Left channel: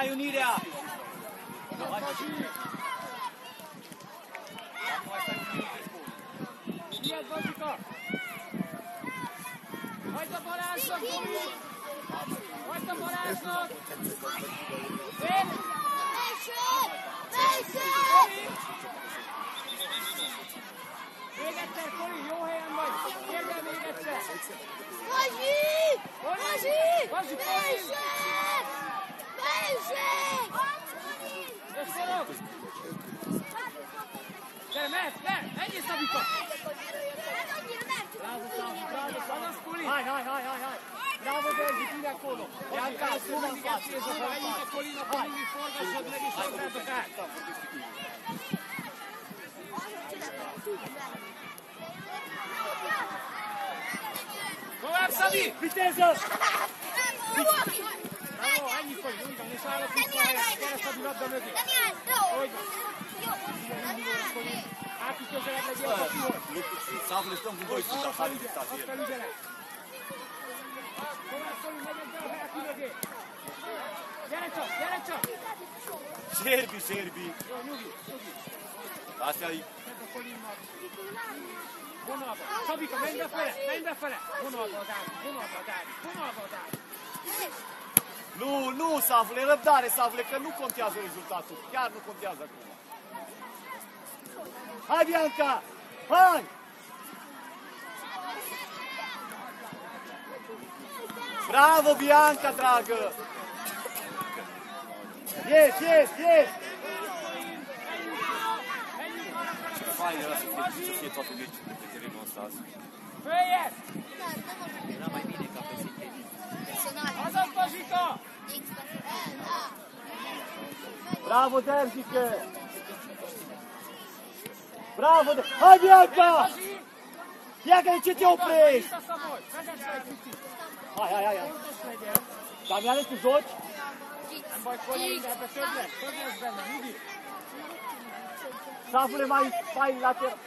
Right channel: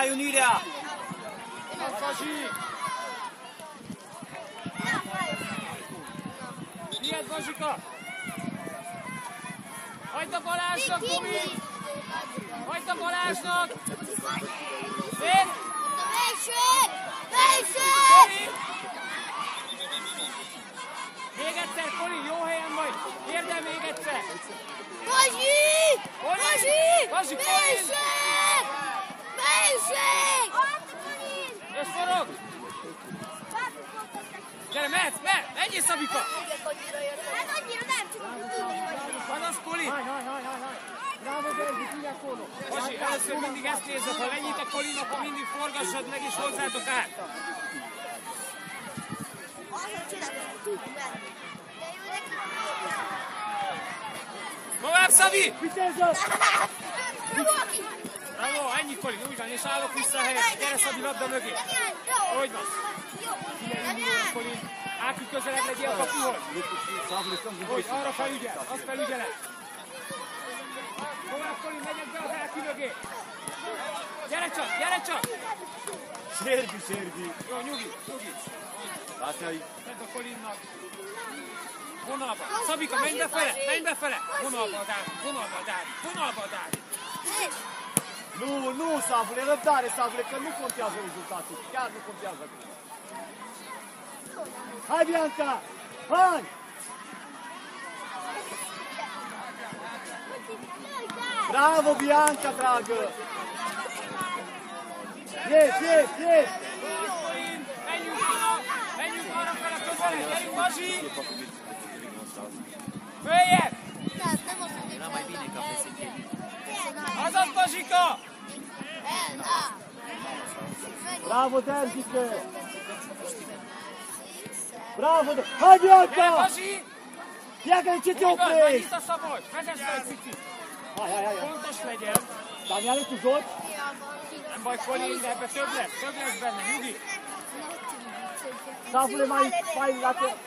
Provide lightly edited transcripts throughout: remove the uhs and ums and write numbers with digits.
Álljon ide! Miért, Bazsika? Hagyd a Balázsnak, Tomi! Hagyd a Balázsnak! Én! Tomi! Még egyszer, Koli, jó helyen vagy! Érd el még egyszer! Bazsi! Bazsi, és forog! Gyere, mehetsz, menjél, Szabika! Azaz, Koli! Bazsi, először mindig ezt nézzük, ha lenyit a Kolin, akkor mindig forgassad meg és hozzátok át! Tovább, Szabi! Vitézzön! Jó, ennyi, Koli, úgy van, és állok vissza a helyet. Gyere, Szabi, labda mögé. Hogy van? Figyelj, Koli. Áki, közelebb legyél a kapuhoz. Hogy, arra felügyel, azt felügyelek. Tovább, Koli, megyek be az Áki mögé. Gyere csak! Szerbi. Jó, nyugi. Látja, hogy... Tedd a Kolinnak. Vonalba. Szabika, menj befele. Vonalba a Dávid. Nu, Savule, răbdare, Savule, că nu contează rezultatul. Chiar nu contează. Hai, Bianca! Hai! Bravo, Bianca, dragă! Yes! Följebb! Azaz, Bazsika! Bravo, Derzike! Bravo, de... Hai, Bianca! Bianca, de ce te oprești? Hai! Fontos legyen! Damiane, tu joci? Nem baj, Koli, de ebbe több lesz benne, nyugi! Savule, mai lateral.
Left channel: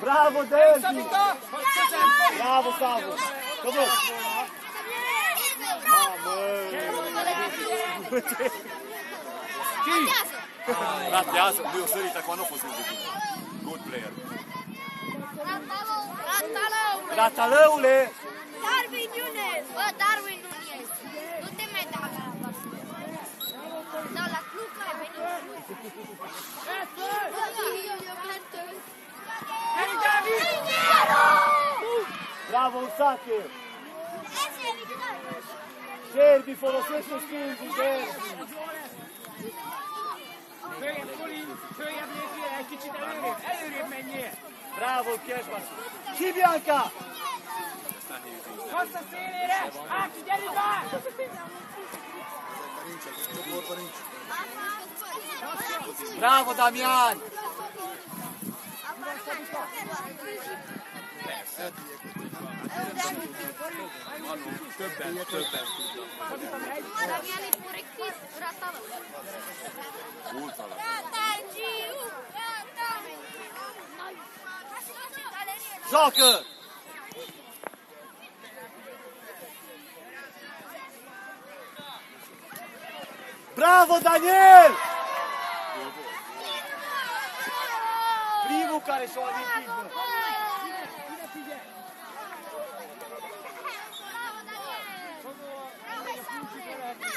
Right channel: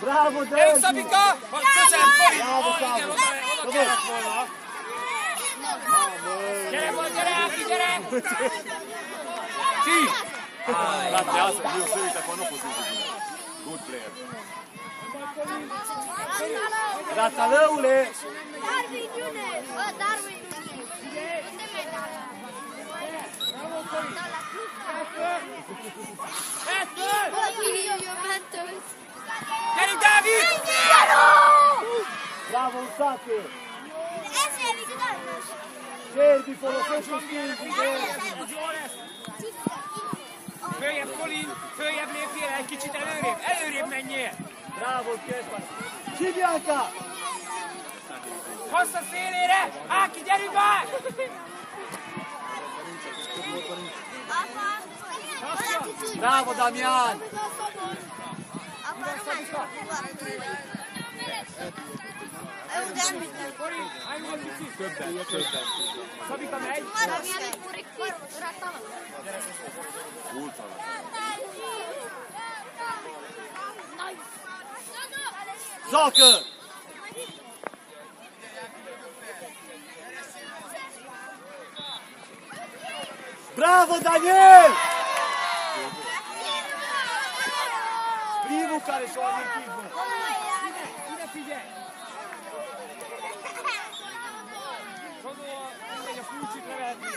Bravo, Gyere, Derzi! Szabika! Vagy közel, Koli! Bravo, Savule! Vedeți? Gyere! Ci! Ratează, eu se uite că nu pot să good player. Ratalăule! Darwin Nunes! Darwin! Unde merge? Gyere, Dávid! Bravo, Usate! Serbi, folosește stângii, Derzi! Följebb, Kolin! Följebb lépjél, egy kicsit előrébb menjél! Bravo, Kesbas! Ci, Bianca! Hozd a szélére! Áki, gyerünk már! Bravo, Damian! Colin, hai un gol in più. Sabita megy. Damiani pure qui, rattala. Gioca! Bravo, Daniel! Primul care și-o amintit, bă. Ide figyelj! Megy a kulcsik lehetni.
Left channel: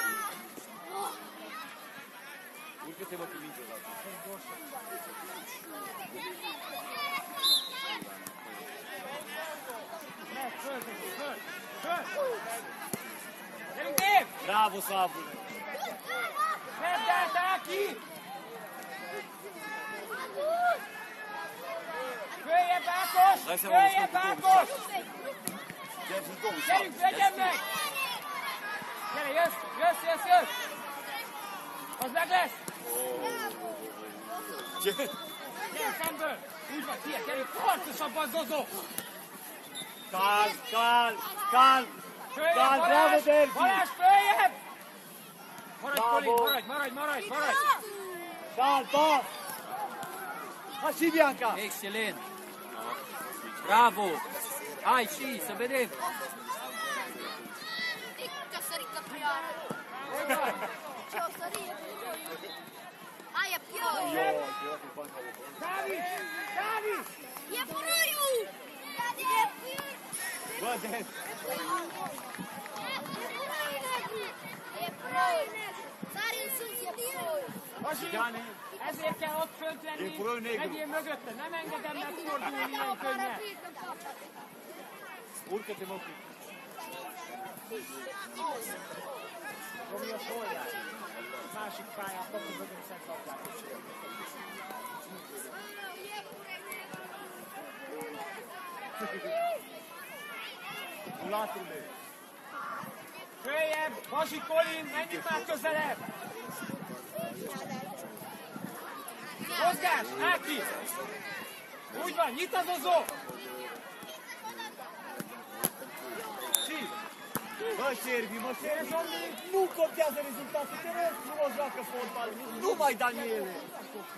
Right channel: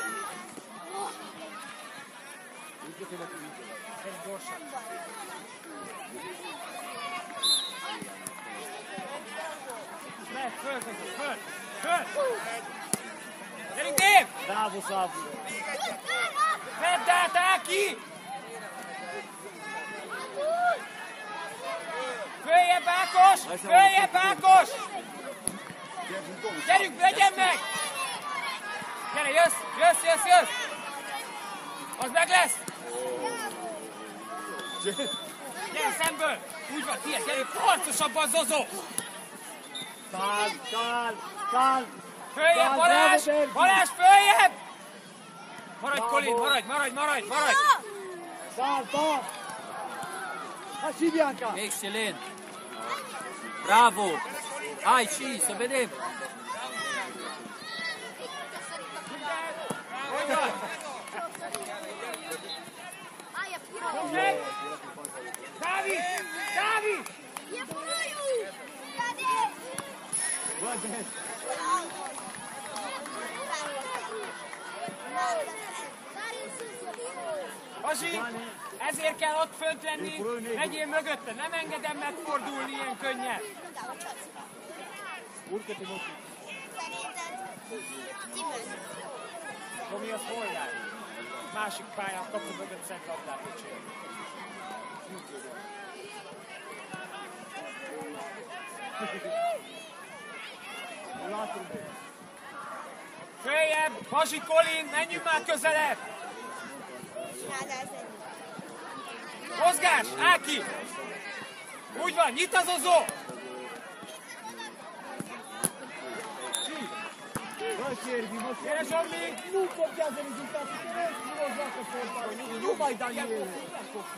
Gyorsan. Megy, föl! Gyerünk, Dave! Bravo, Szabi! Vedd át, Áki! Följebb, Ákos! Följebb, Ákos! Gyerünk, legyen meg! Gyere, jössz! Az meg lesz! Gyere szemből! Úgy van, tiéd, gyerünk, harcosabban, Zozó! Kál! Följebb, Balázs, följebb! Maradj, Colin, maradj! Kál! Așa, Bianca! Excelent! Bravo! Hai, și, să vedem! David! E puiu! Basi, ezért kell ott fönt lenni, legyél mögötte, nem engedem megfordulni ilyen könnyen. Romi a szolgál. Másik pályán kapu mögött Szent Labdát. Följebb, Basi, Colin, menjünk már közelebb! Mozgás, Áki! Úgy van, nyit az Ozó! Bă, Servi, nu coptează rezultatul, nu joacă frontală, nu mai Daniel.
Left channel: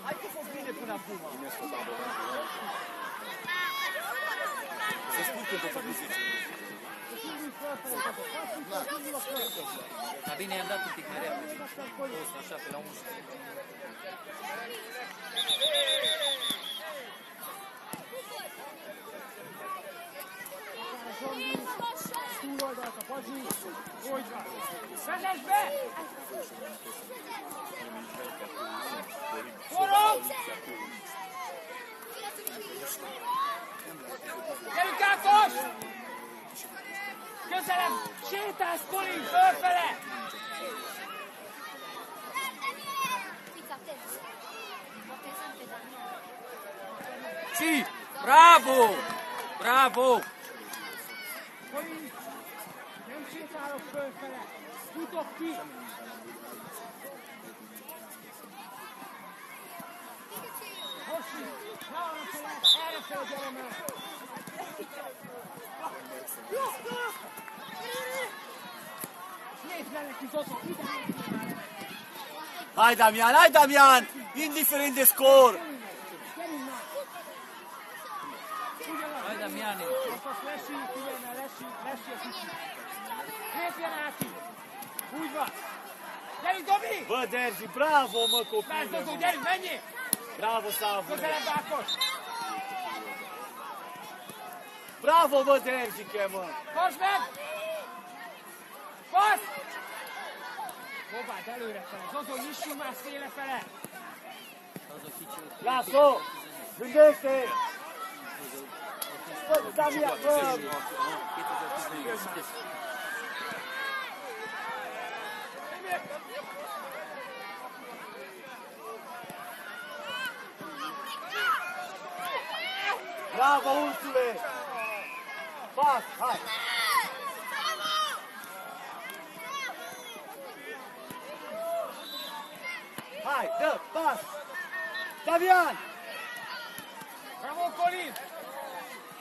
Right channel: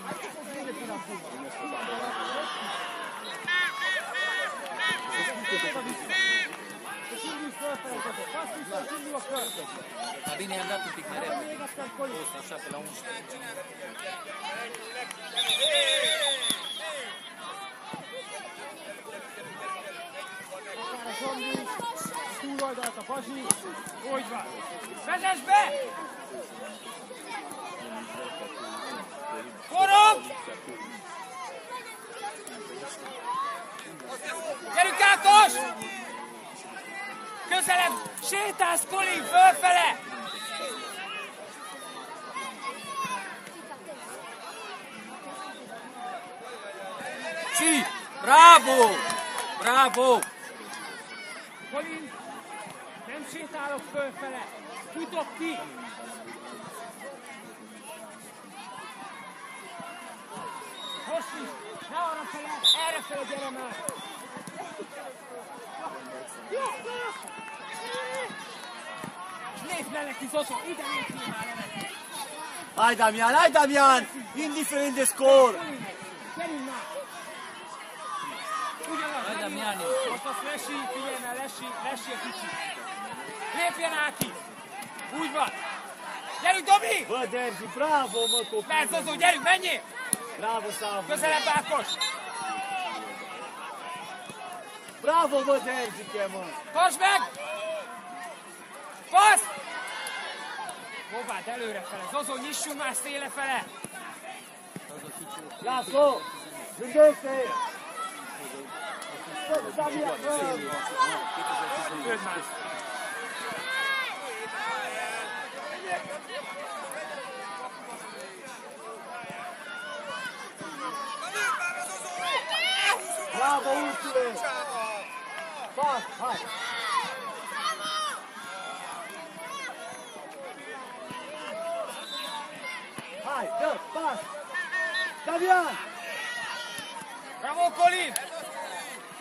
Hai să-ți vede până acum. Dar bine, i-am dat un pic mai repede. Post, așa, pe la 11. Túloldalt a Basi, úgy van. Vezess be! Forog! Gyerünk, Ákos! Közelebb! Sétálsz, Colin, fölfele! Și! Bravo! Bravo! Colin, nem sétálok fölfele, futok ki! Most is, ne arra fel, erre fel gyere meg! Nézd le neki, Zozó, ide nézd már neki! Hai Damian, indiferent de scor! Gyerünk már! Hai, Damiani! Most azt lesi, figyelj már, lesi a kicsit! Lépjen Áki! Úgy van! Gyerünk, Dobi! Bă, Derzi, bravo, mă, copii! Mersz, Zozó, gyerünk, menjél! Bravo, Savu! Közelebb, Ákos! Bravo, mă, Derzi, mă! Pasd meg! Passz! Próbáld előre fele. Zozó, nyissunk már széle fele! Zozó, kicsi. Lasă-o! Gândește! Köld már! Bravo, Ursie! Pas, hai! Hai, dă, pas! Davian! Bravo, Colin!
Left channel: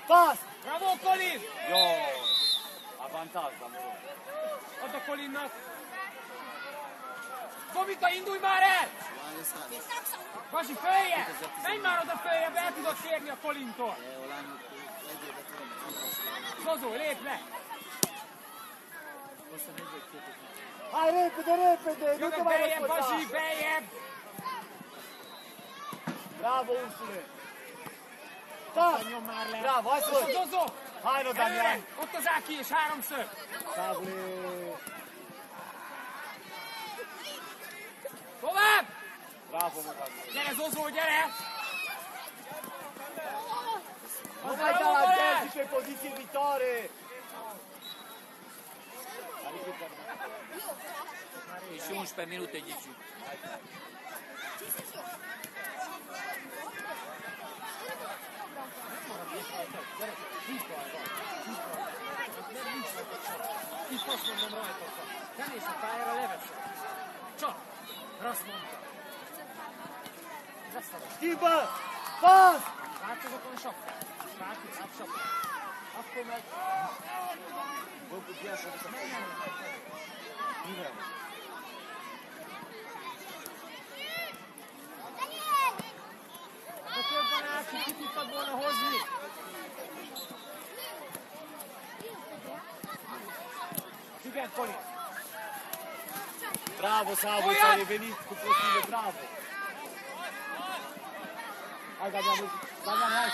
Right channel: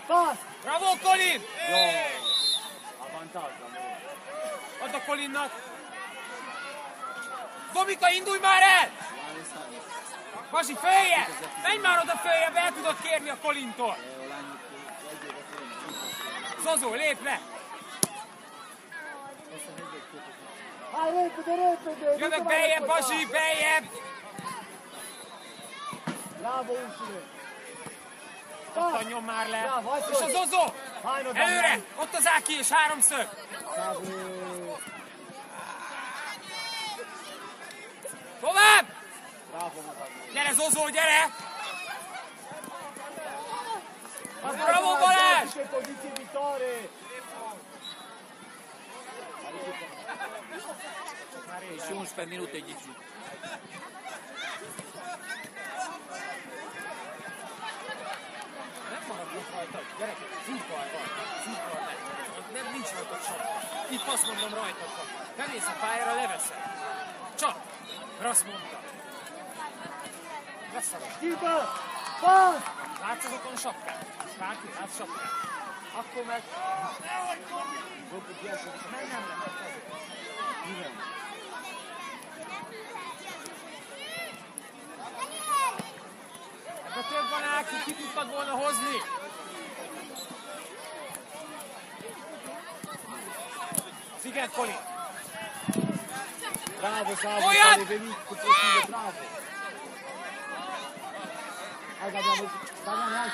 Passz! Bravo, Colin! Avantáz. Add a Colinnak! Domika, indulj már el! Basi, följebb! Menj már oda följebb, el tudod kérni a Colintól! Zozó, lép le! Jövök beljebb, Basi, beljebb! Bravo, Ursule! Adjon már le! És a Zozó! Előre! Ott az Áki és háromszög! Tovább! Gyere Zozó, gyere! Bravo, Balázs! Che poziție viitoare! Și 11 minute, Gigi. Nem, nincs rajta csak. Itt azt mondom rajta. Bemész a pályára, leveszed. Csak. Mert azt mondtam. Schimbă! Passz! Látsz azokon a sapkát? Bárki látsz sapkát? Akkor meg... De több van Áki, ki tudtad volna hozni? Sziget, Poli! Bravo, Sadu, Oiat! care venit cu posibil, bravo! Hai, bravo! Hai, hai,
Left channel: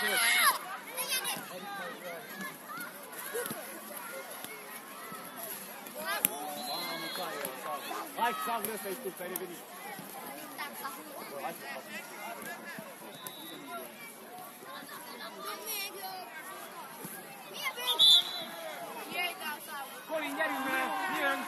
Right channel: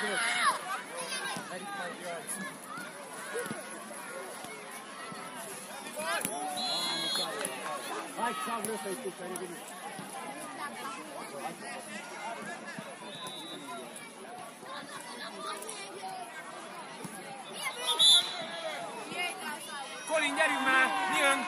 hai, Sadu, ăsta e tu, care venit! Colin, gyerünk már! Jön!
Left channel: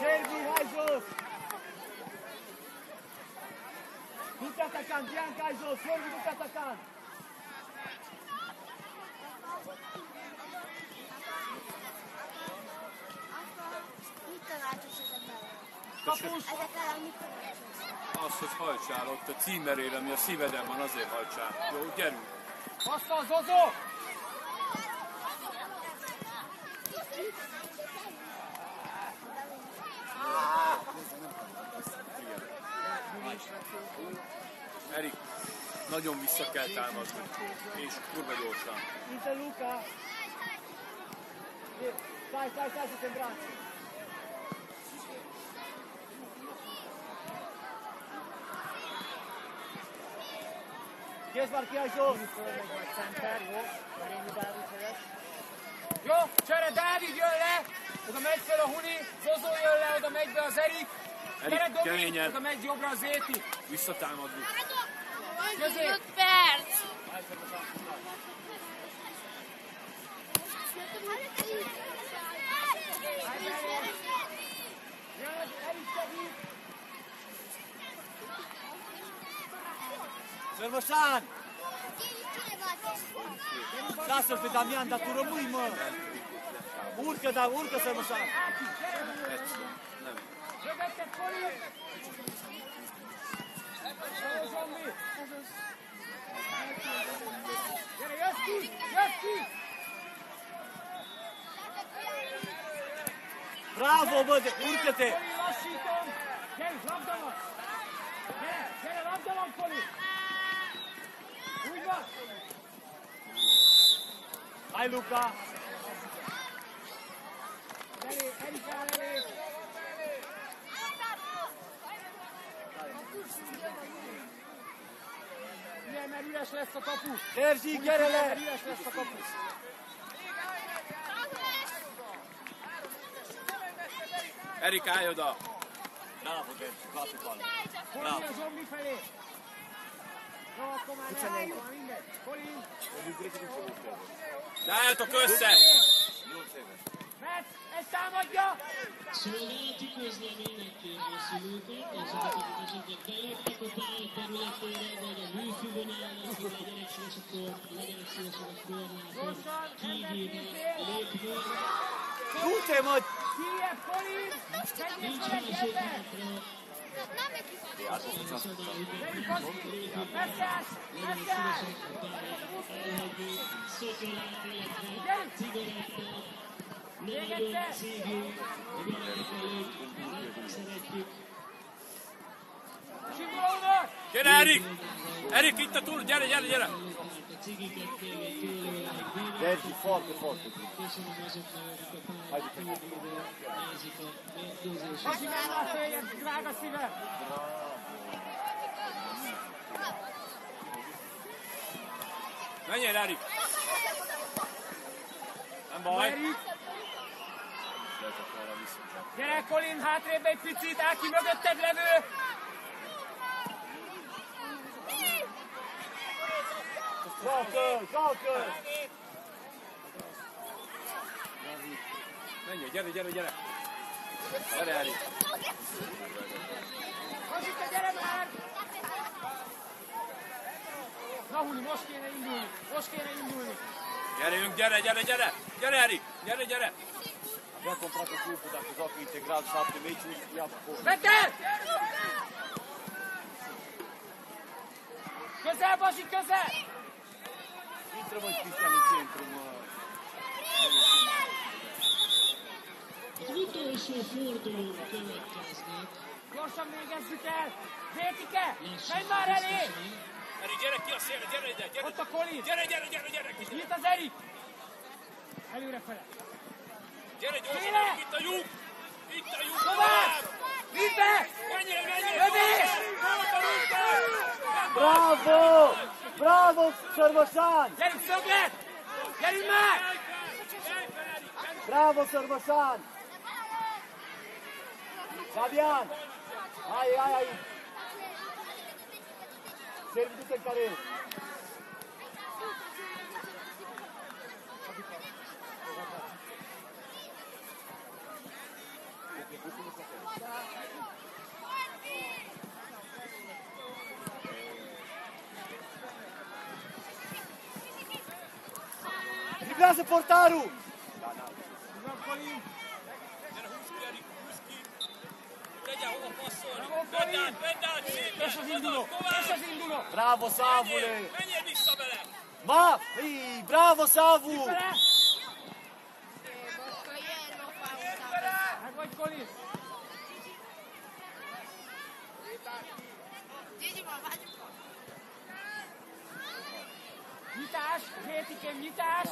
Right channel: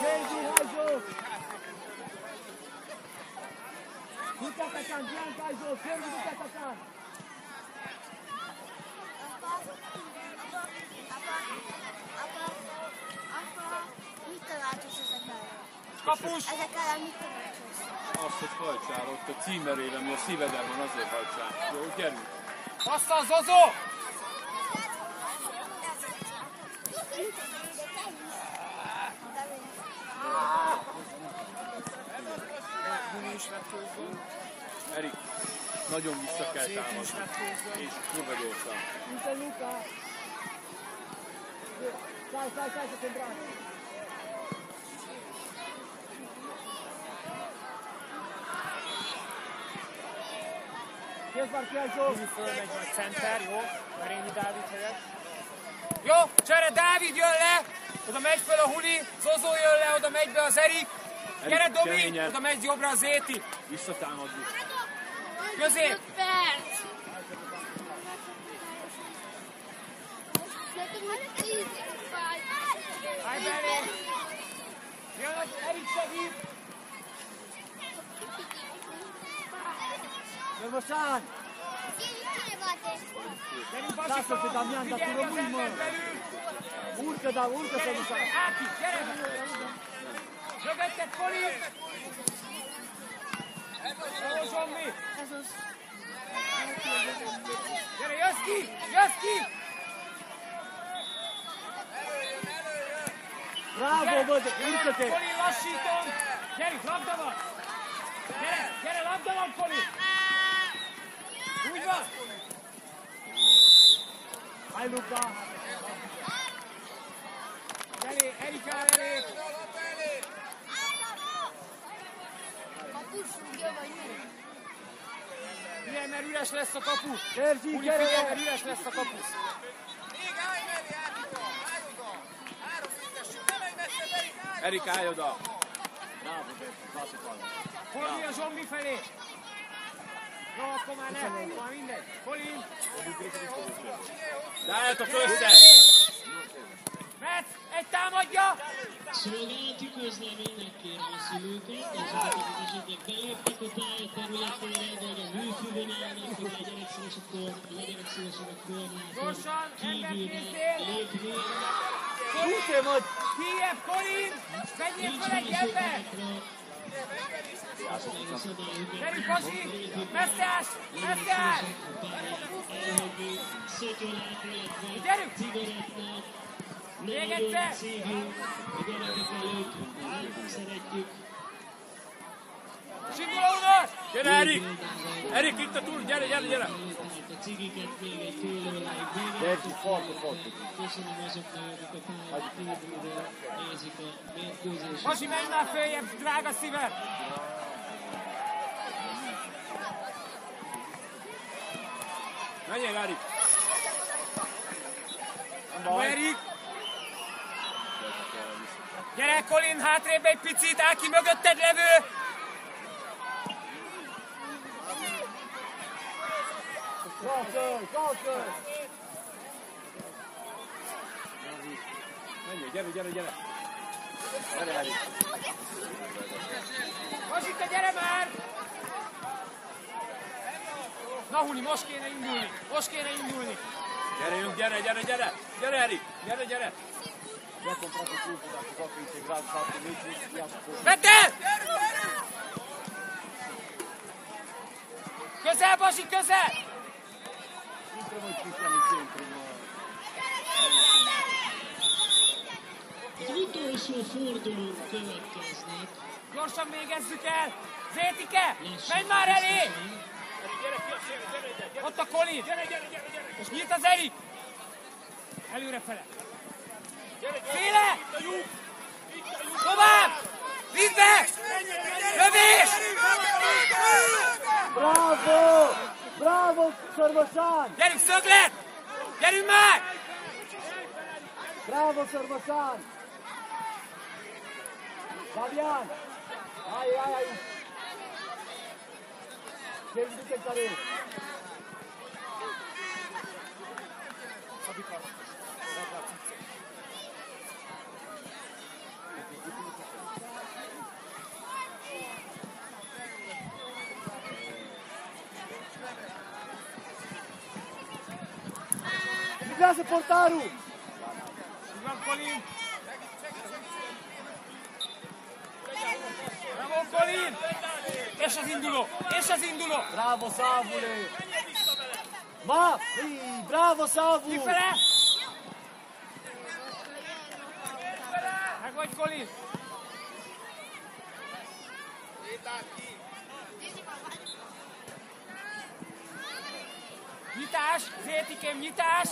Sergi, hai jos! Du-te atacant, Bianca, hai jos! Sergi, du-te atacant! Mit tanácsos ezekkel? Kapus! Ezekkel mit tanácsos? Azt, hogy hajtsál ott a címerére, ami a szíveden van, azért hajtsál. Jó, gyerünk! Azt a Zozó! Erik, nagyon vissza kell támadni. És kurva gyorsan. Luca, Luca! Stai, stai, stai, să te îmbraci! Kézben ki, hai jos! Fölmegy a center, jó? Merényi Dávid helyett. Jó, csere, Dávid jön le! Oda megy fel a Huli, Zozó jön le, oda megy be az Erik. Gyere, Domi! keményen. Oda megy jobbra az Éti. Visszatámadni. Közép! Állj belé! Jön az Erik segít! Rănoșan! Lasă-l pe Damian, dar tu rămâi mult! Urcă, da, urcă să nu s-a... Mögötted, Poli! Szóló Zsombi! Gyere, jössz ki! Jössz ki! Bravo, bă, urcă-te! Poli, lassítom! Gyere, labda van! Gyere, gyere, labda van, Poli! Úgy van! Hai, Luca! Elé, Erik áll elé! Figyelj, mert üres lesz a kapu! Sergi, Úgy gyere! figyelj, mert üres lesz a kapu! Erik, állj oda! Poli a Zsombi felé! Jó, akkor már nem, már mindegy! Poli! De álljatok össze! Egy támadja! Szolgálati közleménynek kérem a szülőket, ezeket akik beléptek a pálya területére, vagy a műfűvön állnak, hogy legyenek szívesek a korlátot kivéve lépni. Kijebb, Colin! Menjél fel egy ember! Gyerünk, Basi! Messzás! Messzás! Gyerünk! Még egyszer! Simula unor! Gyere, Erik! Erik, itt a túl! Gyere, gyere, gyere! Dergi, forte, forte. Basi, menj már följebb, drága szívem! Menjél, Erik! Erik! Gyere, Colin, hátrébb egy picit, áll ki mögötted levő! Menjél, gyere, gyere, gyere! Gyere, Erik! Basika, gyere már! Na, Huni, most kéne indulni! Most kéne indulni! Gyerünk, gyere, gyere, gyere! Gyere, Erik! Gyere, gyere! Vedd el! Közel, Basi, közel! Az utolsó fordulók következnek. Gyorsan végezzük el! Zétike, menj már elé! Erik, gyere ki a szélre, gyere ide! Gyere. Ott a Colin! Gyere, gyere, gyere, gyere! És nyit az Erik! Előrefele! Gyere, gyere! Féle! Itt a lyuk! Itt a lyuk! Tovább! Vidd be! Lövés! Bravo! Bravo, Sorgosan! Gyerünk, szöglet! Gyerünk már! Bravo, Sorgosan! Fabian! Ai! Sérültük egy karó! Driblează portarul! Ivan Colin! Bravo, Colin! És az induló! És az induló! Bravo, Savule! Ma! Bravo, Savu! Kifele! Meg vagy, Colin! Nyitás! Zétikém, nyitás!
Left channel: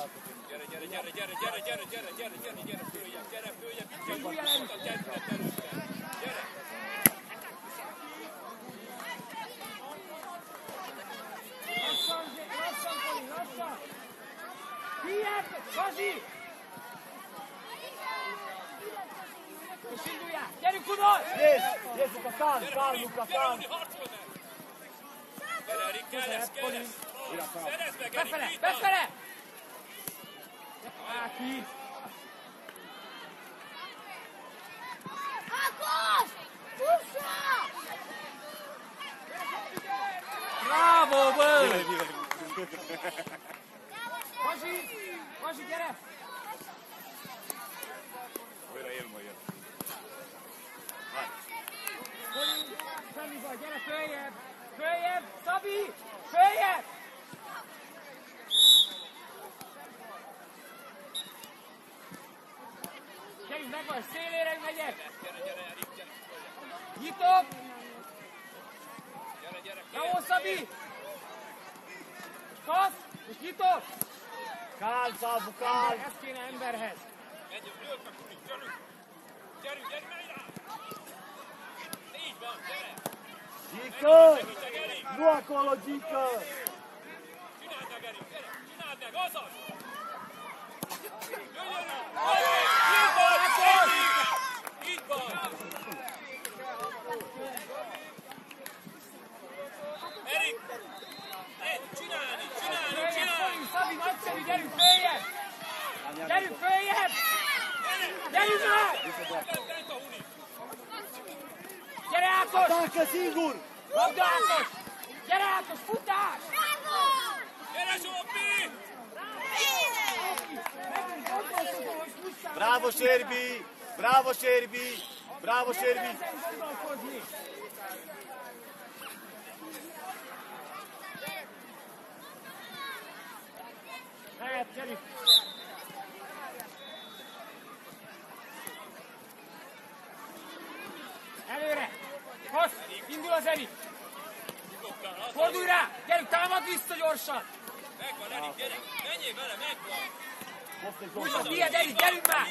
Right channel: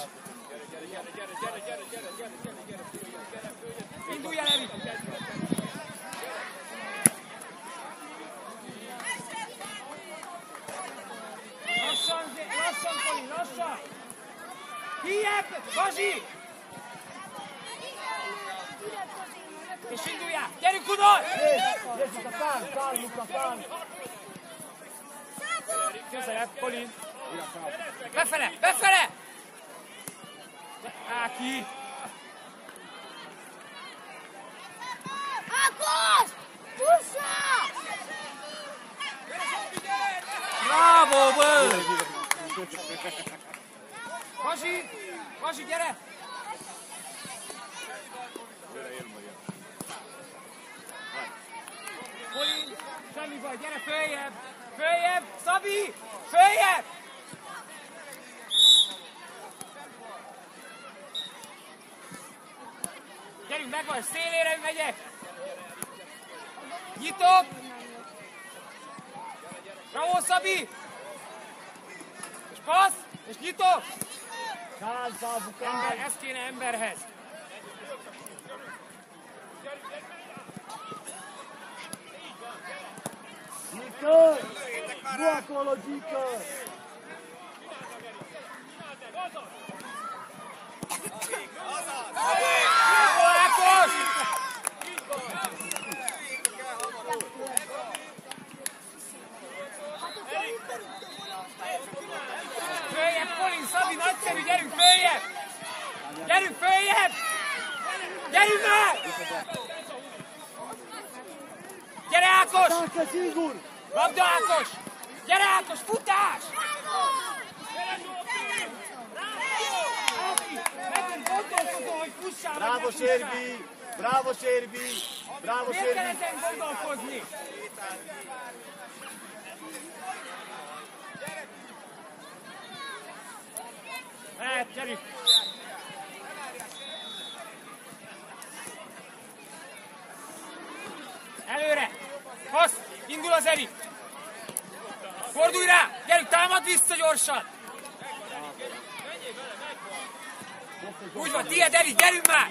Indulj el, Erik! Lassan, Colin, lassan! Kijebb! Basi! És induljál! Gyerünk, Unor! Jessica, fan! Közelebb, Colin! Befele! Befele! Áki! Ákos! Pussa! Bravo, bă! Basi! Basi, gyere! Colin, semmi baj, gyere följebb! Följebb! Szabi! Följebb! Gyerünk, megvan, szélére megyek! Nyitok! Bravo, Szabi! És passz! És nyitok! Kál, Savu, Ember, kál! ez kéne emberhez! Gică! Nu acolo, Gică! Ákos! Följebb, Colin, Szabi, nagyszerű, gyerünk följebb! Gyerünk följebb! Gyerünk már! Gyere Ákos! Tanka, Sigur! Labda Ákos! Gyere Ákos, futás! Megint gondolkozom, hogy fussál! Bravo, Sérbi! Bravo, Sérbi! Bravo, Miért Sérbi! kell ezen gondolkozni? Hát, gyerünk! Előre! Passz! Indul az Erik! Fordulj rá! Gyerünk, támad vissza gyorsan! Úgy van, tiéd Erik, gyerünk már!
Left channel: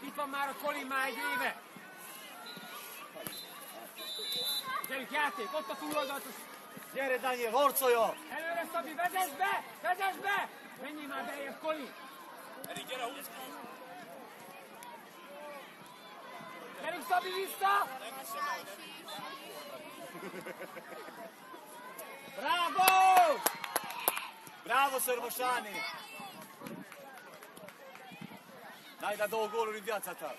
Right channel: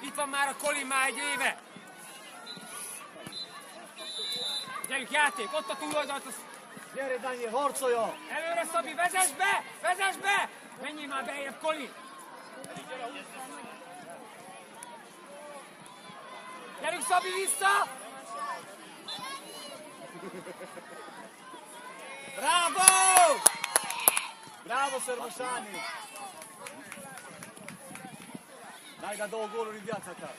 Itt van már a Colin már egy éve! Gyerünk, játék, ott a túloldalt! Gyere, Daniel, harcolja! Előre, Szabi, vezess be! Vezess be! Menjél már bejebb, Colin! Gyerünk, Szabi, vissza! Bravo! Bravo, Szermosani! Dai da 2 goluri în viața ta!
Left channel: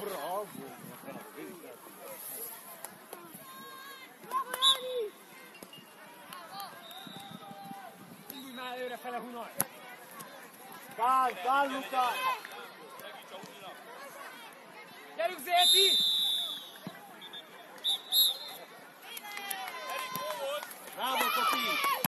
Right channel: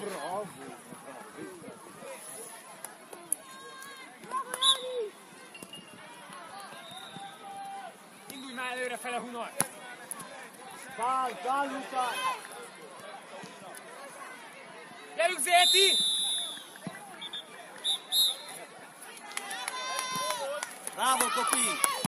Bravo! Indulj már előrefele, Hunor! Cal, Luca! Gyerünk, Zéti! Bravo, copii!